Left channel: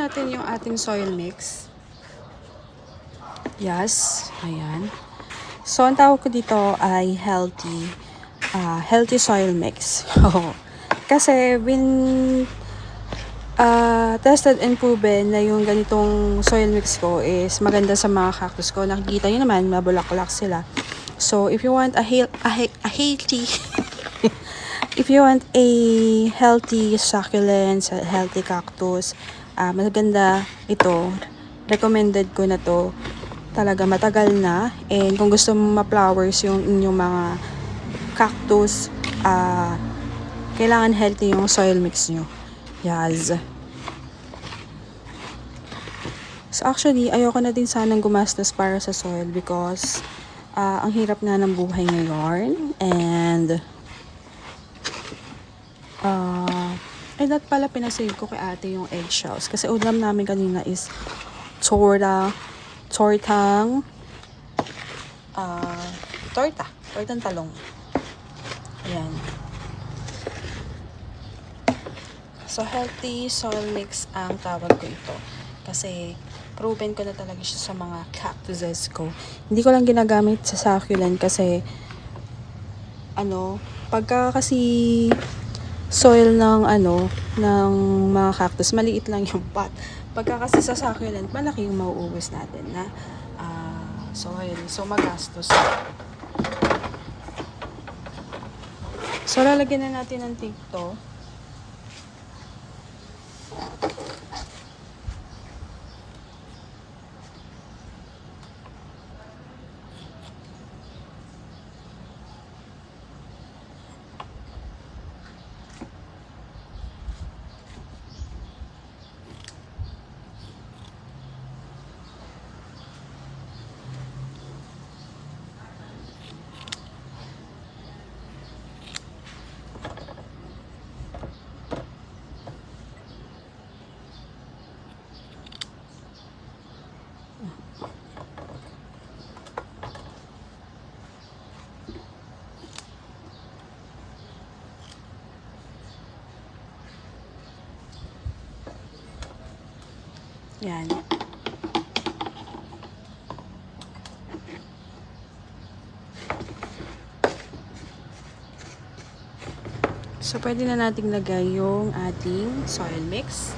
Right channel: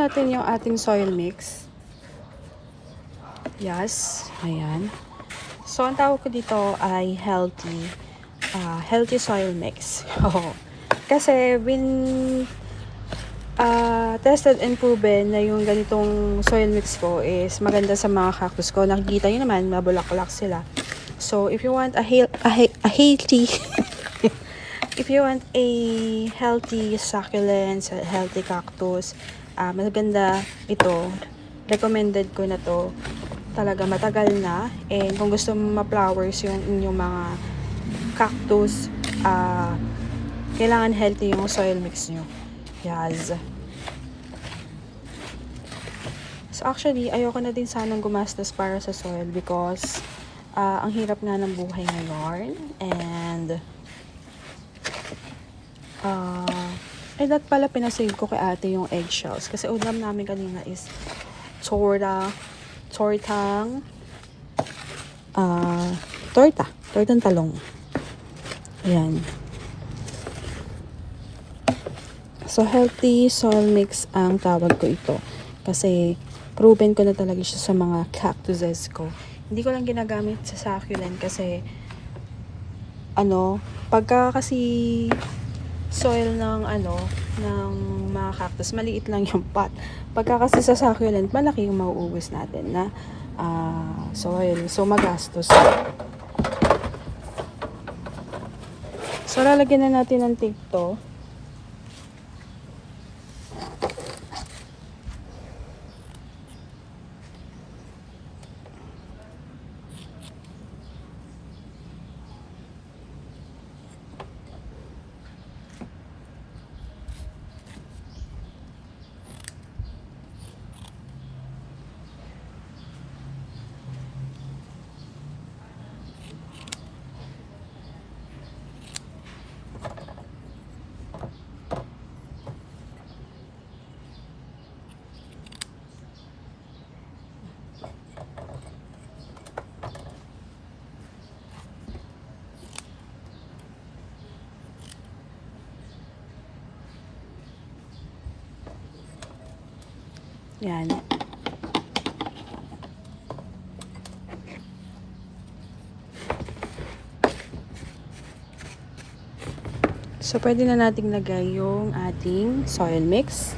natin yung ating soil mix. Yes, ayan. So, ang tawag ko dito ay healthy soil mix. Kasi, tested and proven na yung ganitong soil mix ko is maganda sa mga cactus ko. Nakikita nyo naman, mabulaklak sila. So, if you want a healthy if you want a healthy succulents, a healthy cactus, maganda ito. Recommended ko na to. Talaga matagal na. And kung gusto mo ma-flowers yung inyong mga cactus, kailangan healthy yung soil mix nyo. Yes. So actually, ayoko na din sanang gumastos para sa soil because ang hirap nga ng buhay ngayon. And that pala pinasave ko kay ate yung eggshells. Kasi ulam namin kanina is tortang talong. Ayan. So, healthy soil mix ang tawag ko ito. Kasi, proven ko na talaga siya sa mga cactuses ko. Hindi ko lang ginagamit sa succulent kasi, pagka kasi soil ng mga cactus, maliit lang yung pot. Pagka kasi sa succulent, malaki yung mauubos natin na soil. So, magastos. So, lalagyan na natin ng tape to. Yan. So, pwede na nating lagay yung ating soil mix.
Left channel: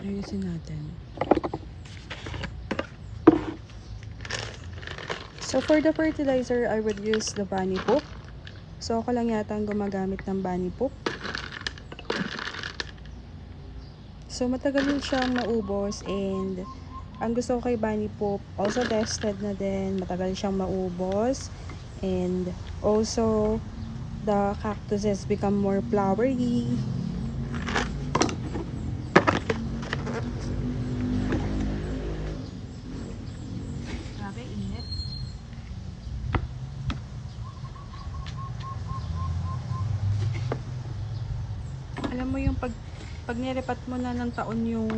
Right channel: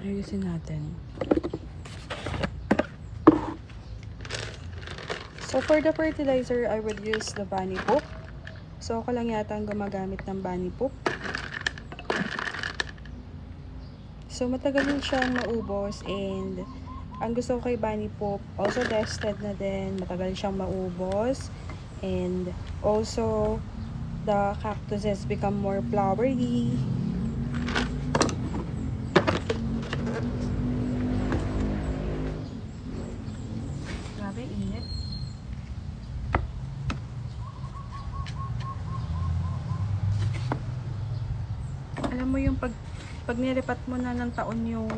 Ayusin natin. So, for the fertilizer, I would use the bunny poop. So, ako lang yata ang gumagamit ng bunny poop. So, matagal din siyang maubos and ang gusto ko kay bunny poop, also tested na din, matagal siyang maubos and also the cactuses become more flowery. Grabe, init. Alam mo yung pag nilipat mo na ng taon yung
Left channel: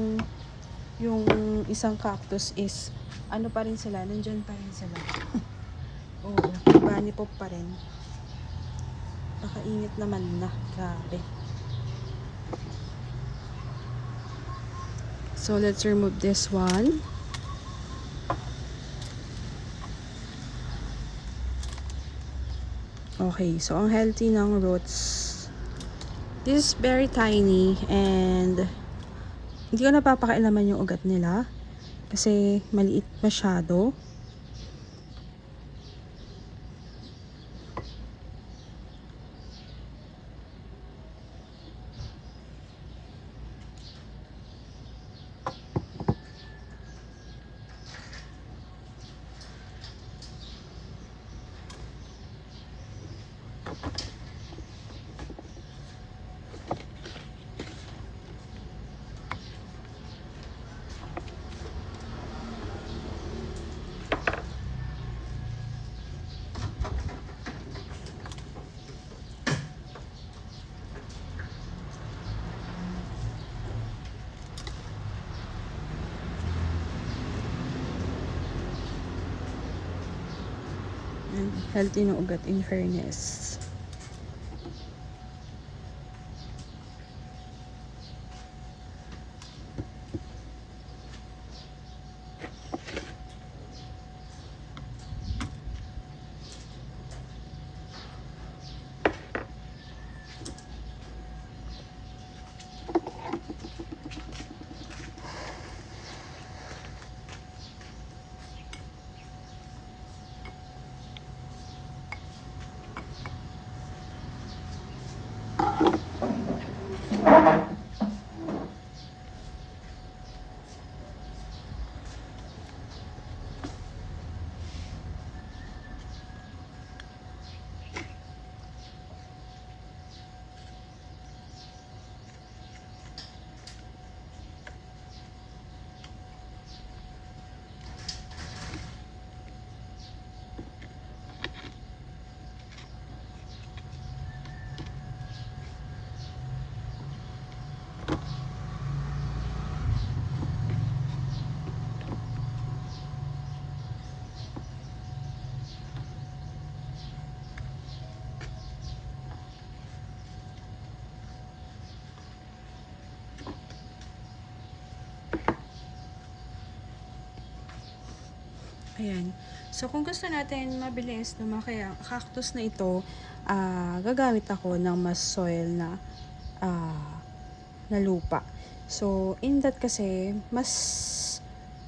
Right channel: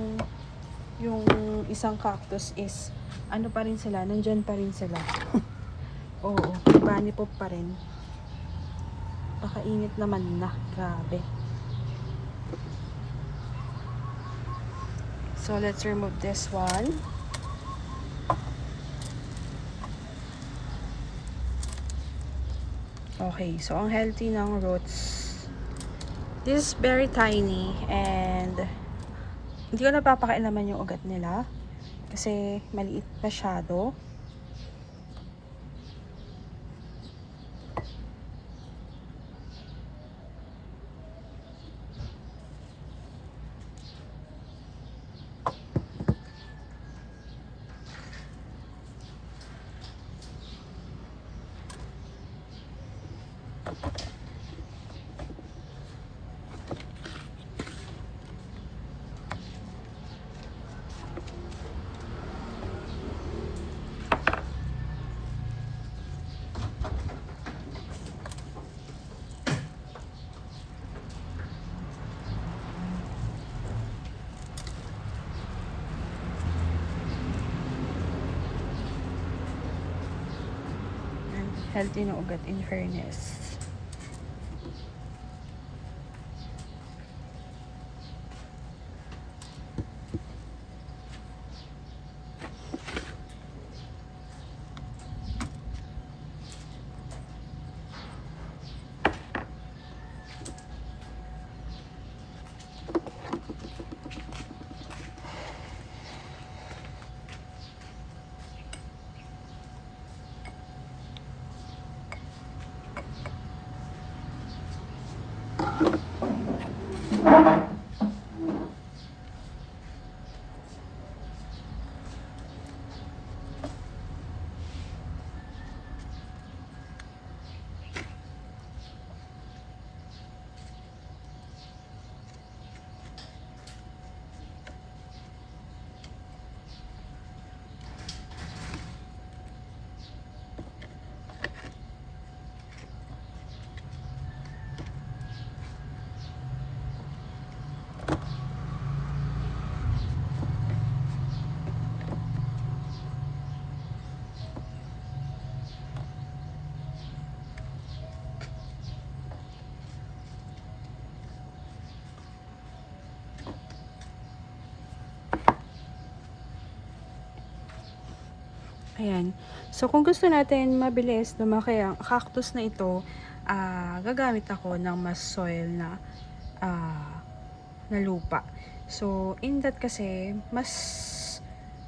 isang cactus is ano pa rin sila, nandyan pa rin sila. Oo, bunny poop pa rin. Pakainit naman na, grabe. So let's remove this one. Okay, so ang healthy ng roots. This is very tiny and hindi ko napapakailaman yung ugat nila kasi maliit masyado. Healthy ng ugat, in fairness. Ayan. So, kung gusto natin mabilis lumaki ang cactus na ito, gagamit ako ng mas soil na lupa. So, in that kasi, mas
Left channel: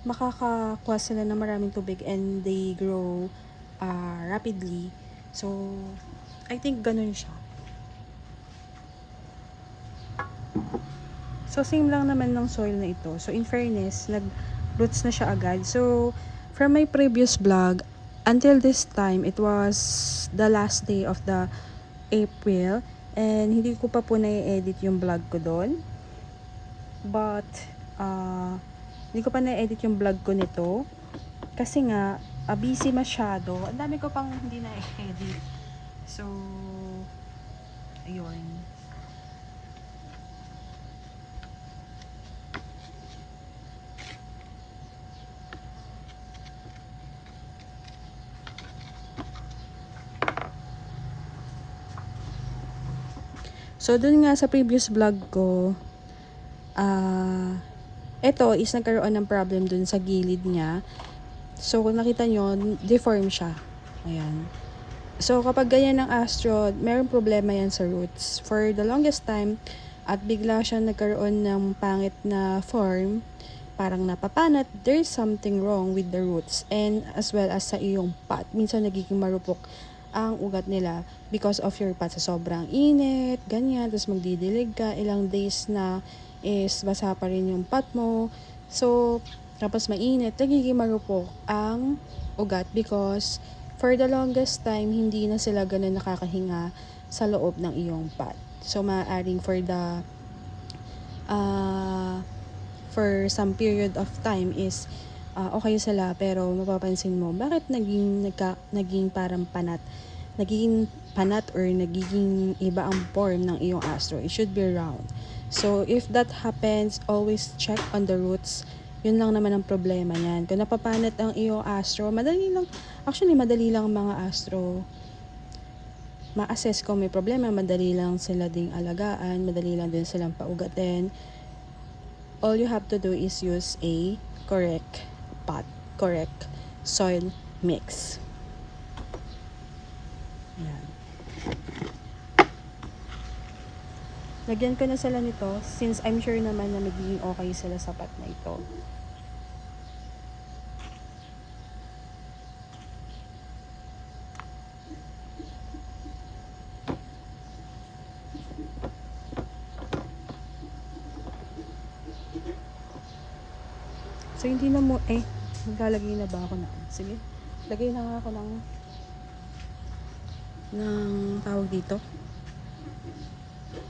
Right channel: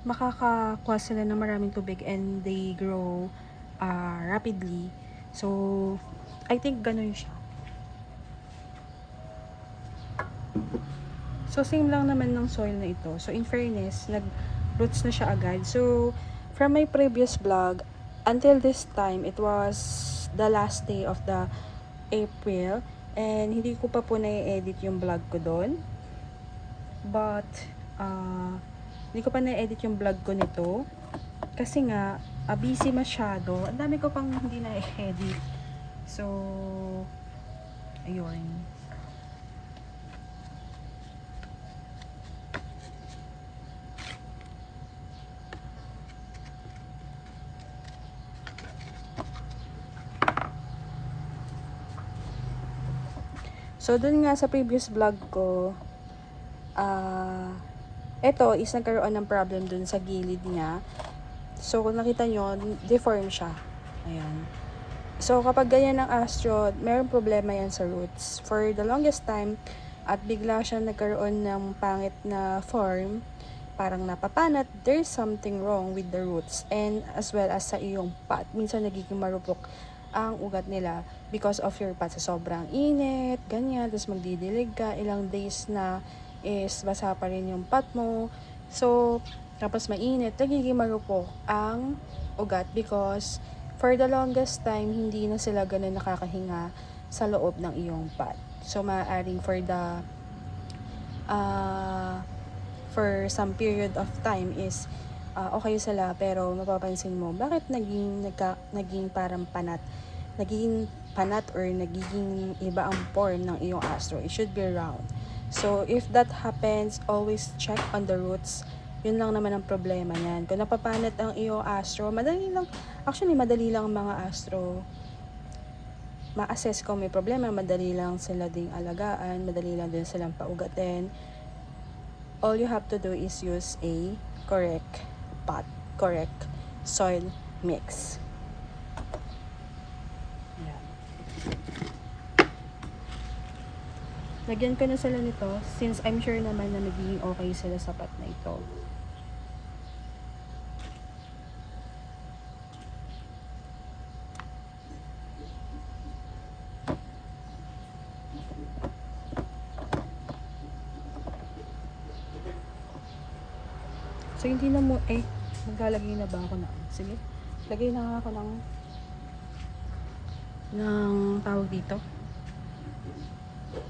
makakakuha sila ng maraming tubig and they grow rapidly. So, I think ganun siya. So, same lang naman ng soil na ito. So, in fairness, nag-roots na siya agad. So, from my previous vlog, until this time, it was the last day of the April. And hindi ko pa po na-edit yung vlog ko doon. But, hindi ko pa na-edit yung vlog ko nito. Kasi nga, busy masyado. Ang dami ko pang hindi na-edit. So, ayun. So, dun nga sa previous vlog ko, ito is nagkaroon ng problem dun sa gilid niya. So, kung nakita nyo, deform siya. Ayan. So, kapag ganyan ng astro, mayroong problema yan sa roots. For the longest time, at bigla siya nagkaroon ng pangit na form, parang napapanat, there's something wrong with the roots and as well as sa iyong pot. Minsan nagiging marupok ang ugat nila because of your pot sa sobrang init, ganyan, tapos magdidilig ka, ilang days na is basa pa rin yung pot mo. So, tapos mainit, nagiging marupok ang ugat because for the longest time, hindi na sila ganun nakakahinga sa loob ng iyong pot. So, maaaring for some period of time is okay sila, pero mapapansin mo bakit naging parang nagiging panat or nagiging iba ang form ng iyong astro. It should be round. So if that happens, always check on the roots. Yun lang naman ang problema niyan. Kung napapanat ang iyong astro, madali lang mga astro ma-assess kung may problema. Madali lang sila ding alagaan, madali lang din silang paugatin. All you have to do is use a correct pot, correct soil mix. Lagyan ko na sila nito since I'm sure naman na magiging okay sila sa pot na ito. So, hindi na mo, maglalagay na ba ako na? Sige, lagay na nga ako ng tawag dito.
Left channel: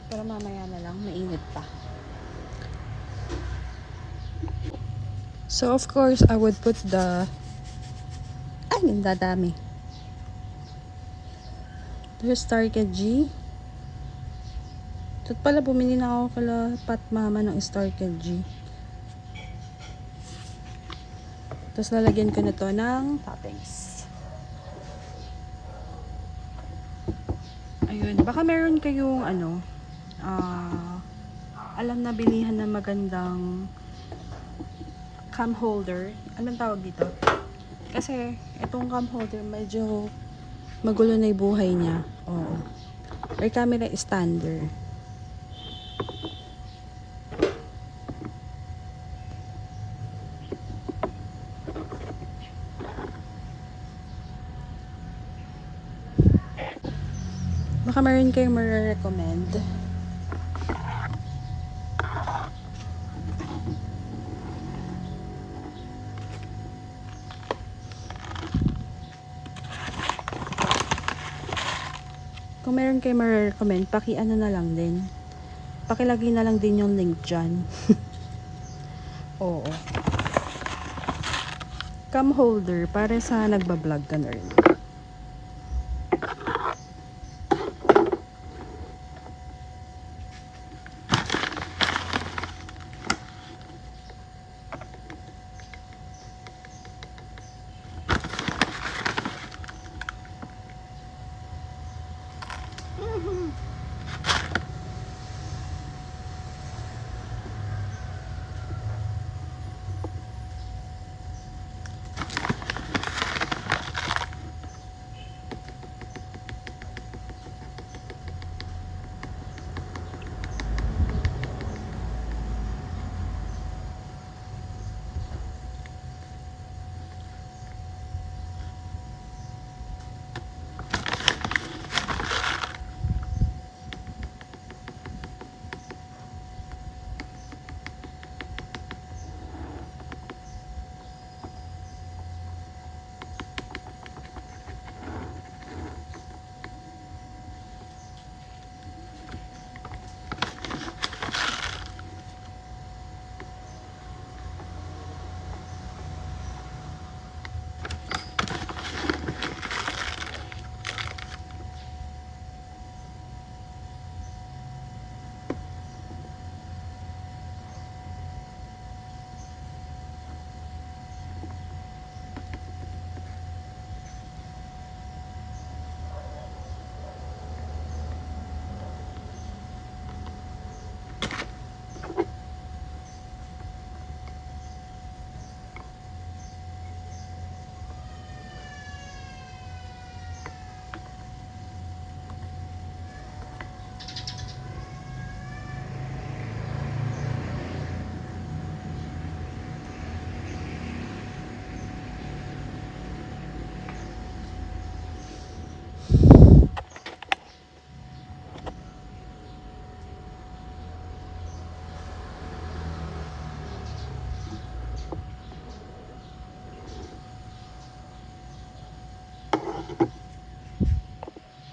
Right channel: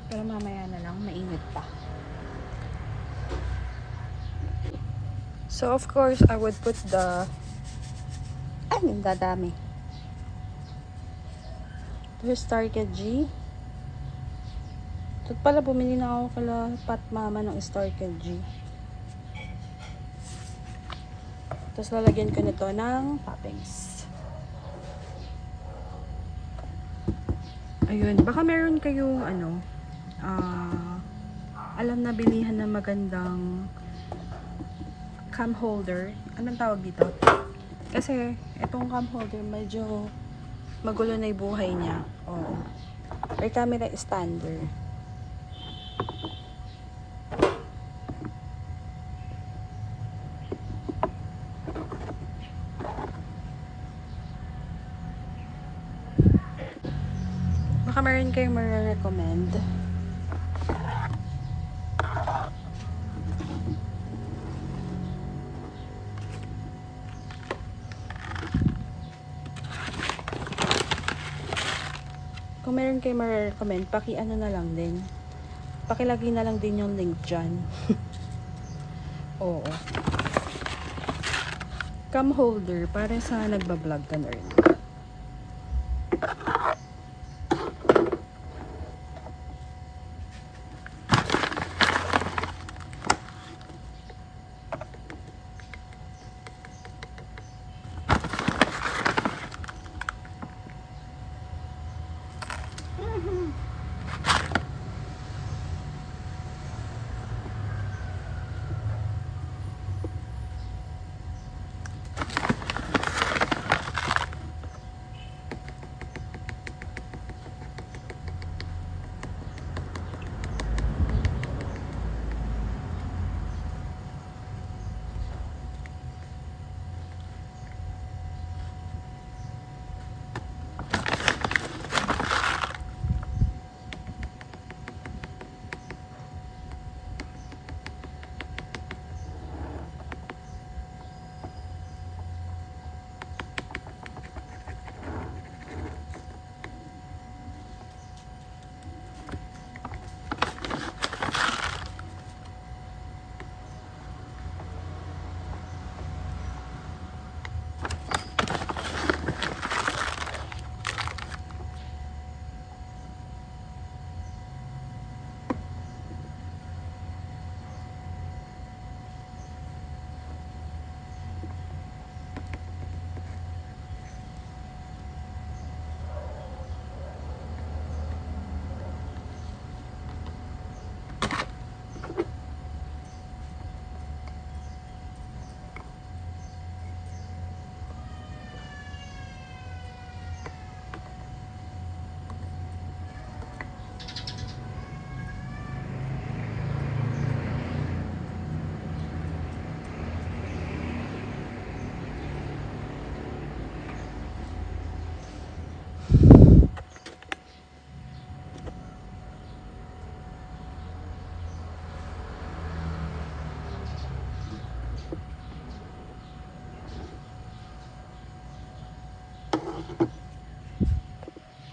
Pero mamaya na lang, mainit pa. So, of course, I would put ang dadami. Just Starket G. Ito pala, bumili na ako kala Pat Mama ng Starket G. Tapos lalagyan ko na to ng toppings. Ayun, baka meron kayong ano, alam na bilihan na magandang cam holder. Anong tawag dito? Kasi itong cam holder medyo magulo na yung buhay niya. Oo. May camera stander. Baka meron kayong ma-recommend. Kung meron kayong ma-recommend, paki-ano na lang din. Pakilagay na lang din yung link dyan. Oo. Cam holder para sa nagbablog ka na rin.